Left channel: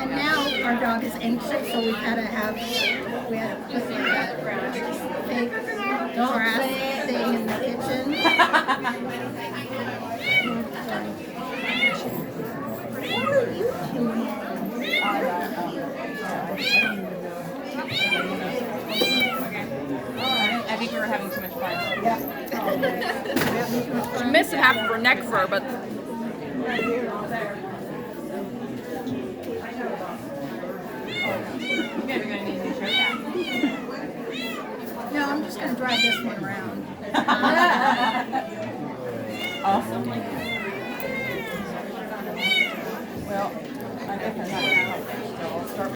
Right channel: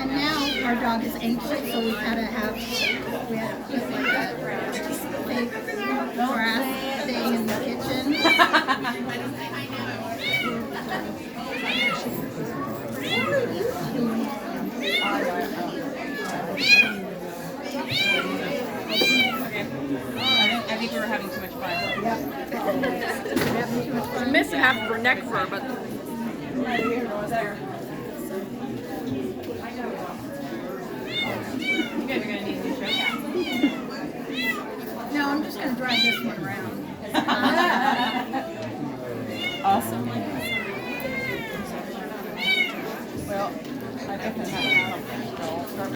And now our dog is anxious, so we had to put like a fake grass thing in the kitchen. What are you doing? I think we were having too much fun. We're having too much fun. Missing half of her neck fur, but You guys are gonna need a new show cat. No, I'm just gonna drive this one around. Awesome. Well, I guess I have